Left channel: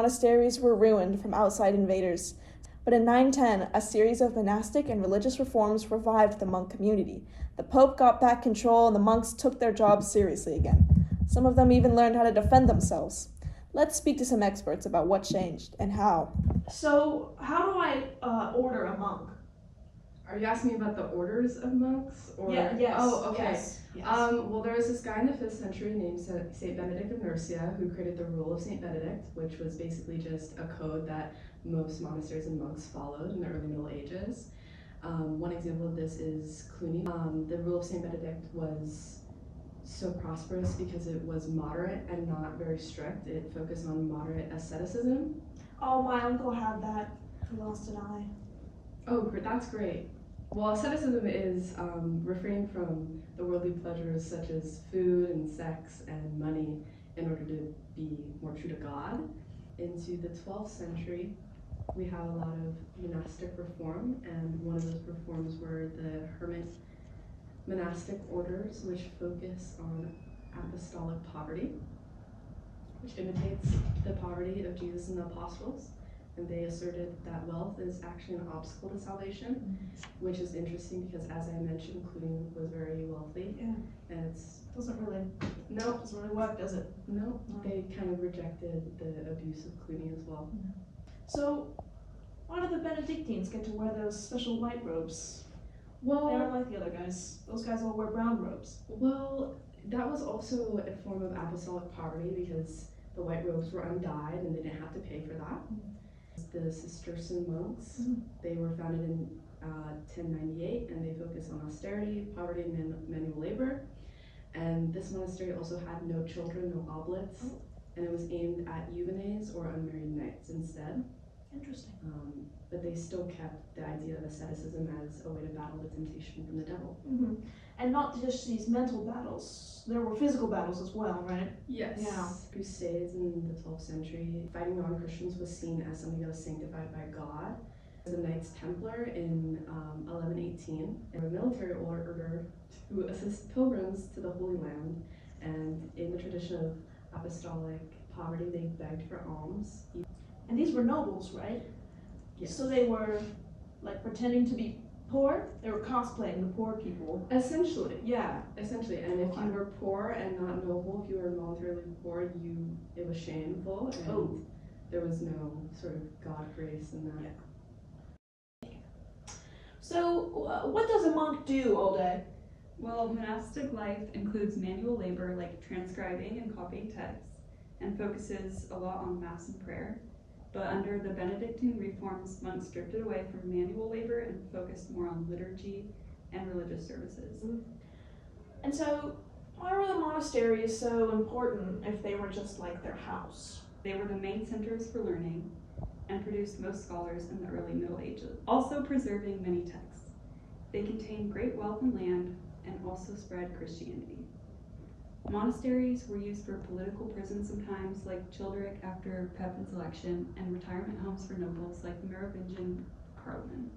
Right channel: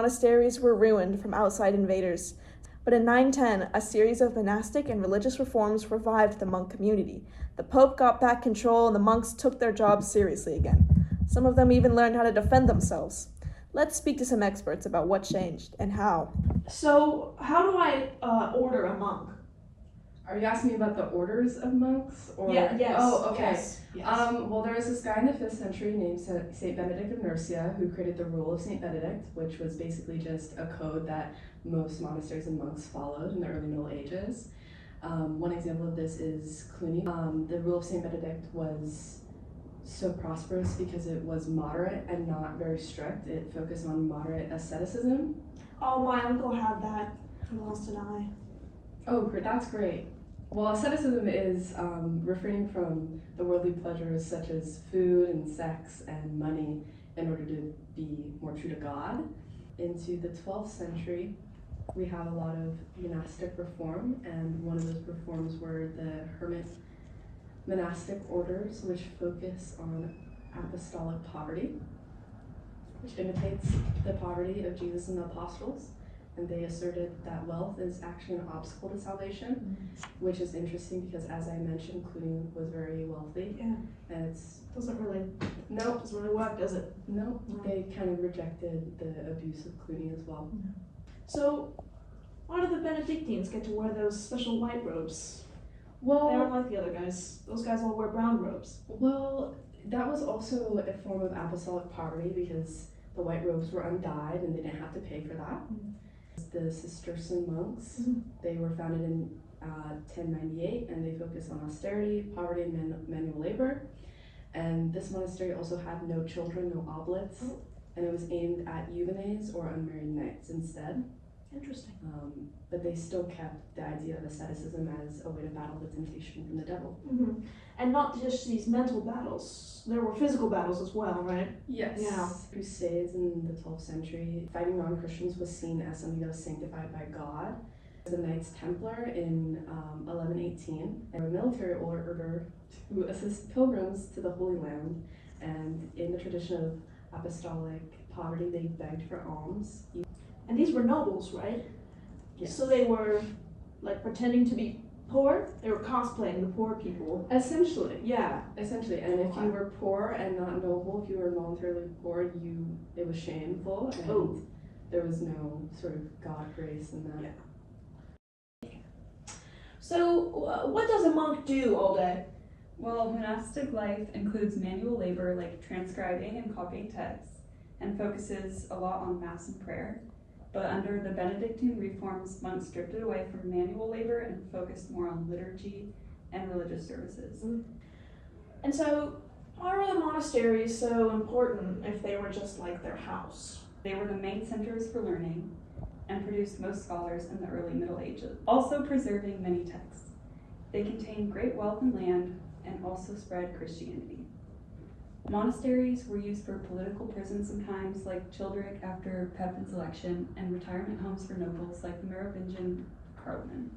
monasteries were ruined from outside invaders. But in 910, a series of monastic and religious reforms revived the monk community. The Pope got back control and the monks took their jobs seriously again. Some of them even learned how to defend themselves. Let's speak to some experts about what changed and how. So, how do I order a monk? Are you asking me about the orders of monks? Or... Yeah, yes. Oh, okay. Yes. Well, there was this guy in the 5th century named Saint Benedict of Nursia who created the Rule of Saint Benedict, which was basically just a code that most monasteries and monks followed in the early Middle Ages. One example of this is Cluny. The Rule of Saint Benedict was so prosperous because it was moderate and not very strict. It focused on moderate asceticism. Oh, my uncle had that. He lost an eye. Oh, that's great. Well, asceticism is refraining from the worldly pleasures such as food and sex and money in order to be more true to God. Into the 12th century, we have a lot of monastic reform, and one of those reforms were the hermit monastic orders, which focus on apostolic poverty, which imitates the poverty of Jesus and the apostles. And they asserted that wealth is actually an obstacle to salvation, which is interesting because, as I mentioned, Cluny was very wealthy. Yeah. And Doesn't really work, does it? No, they kind of rejected the abuse of Cluny as well. So, why do the Benedictines get to wear those special white robes? Well, they aren't like the other guys. Those guys all wear brown robes. Well, that was also a form of apostolic poverty because the white robes were undyed and they didn't have to pay for that. The Cistercian monks, they were founded in 1098, and they focused on austerity, poverty, and manual labor. And this monastery also had no children, no oblates, and it was aimed at Eugenes or unmarried knights instead. Interesting. But they still kept the idea of asceticism as a way to battle the temptation from the devil. And not just these mental battles, there were physical battles as well, right? Yes. Yeah. Crusades in the 12th century, fighting non-Christians was seen as something that was sanctified by God. The Knights Templar in 1118, a military order to assist pilgrims to the Holy Land, and in the tradition of apostolic poverty, they begged for alms. And these were nobles, right? Yes. So they were like pretending to be poor? They were cosplaying the poor people. Essentially. Yeah. Essentially. And if you were poor and not noble, if you were voluntarily poor, it was shameful, and there was no sort of God grace in that. Yeah. So, what does a monk do all day? Well, monastic life includes manual labor like transcribing and copying texts, and focuses a lot on Mass and prayer. But under the Benedictine reforms, monks drifted away from manual labor and focused more on liturgy and religious services. And so, why were the monasteries so important if they were just like their house? They were the main centers for learning and produced most scholars in the early Middle Ages, also preserving many texts. They contained great wealth and land and also spread Christianity. Monasteries were used for political prisons sometimes, like Childeric after Pepin's election, and retirement homes for nobles like the Merovingian Carloman.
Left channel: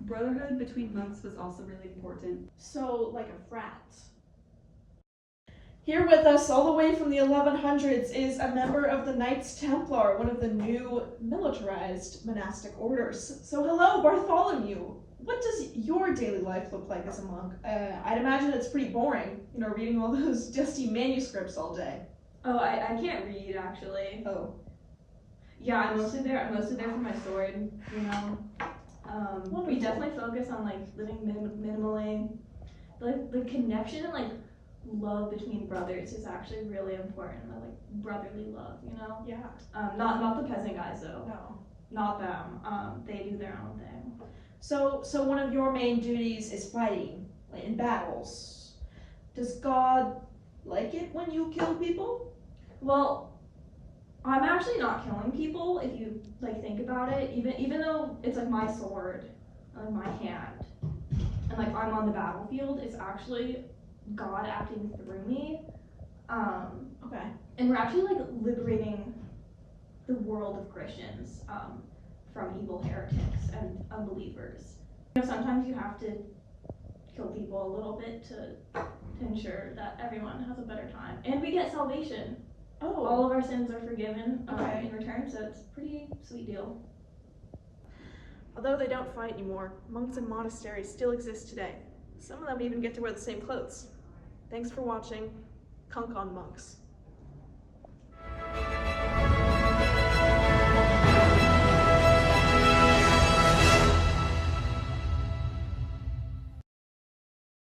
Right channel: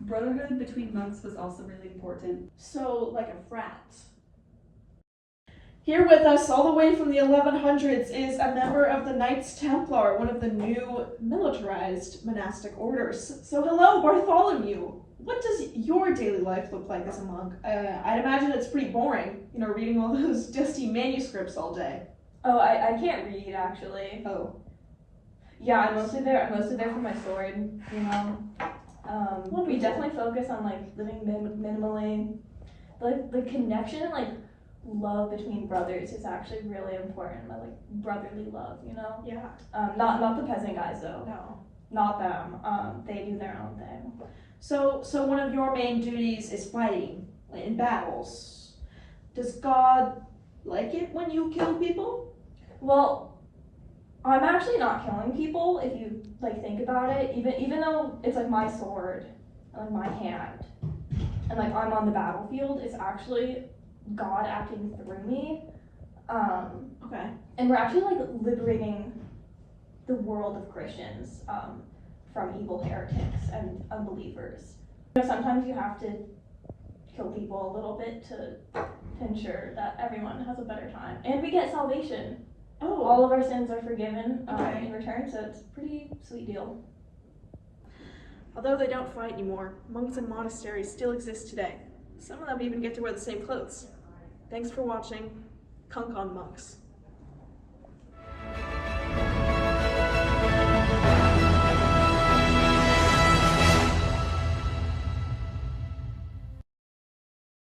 Brotherhood between monks was also really important. So, like a frat. Here with us, all the way from the 1100s, is a member of the Knights Templar, one of the new militarized monastic orders. So, hello, Bartholomew. What does your daily life look like as a monk? I'd imagine it's pretty boring, reading all those dusty manuscripts all day. Oh, I can't read, actually. Oh. Yeah, I'm mostly there for my sword, We definitely focus on, living minimally. The connection, love between brothers is actually really important. Brotherly love, Yeah. Not the peasant guys, though. No. Not them. They do their own thing. So one of your main duties is fighting in battles. Does God like it when you kill people? Well, I'm actually not killing people if you think about it. Even though it's my sword and my hand and I'm on the battlefield, it's actually God acting through me. Okay. And we're actually liberating the world of Christians from evil heretics and unbelievers. Sometimes you have to kill people a little bit to ensure that everyone has a better time. And we get salvation. all of our sins are forgiven Okay. in return, so it's a pretty sweet deal. Although they don't fight anymore, monks and monasteries still exist today. Some of them even get to wear the same clothes. Thanks for watching. Kunk on monks.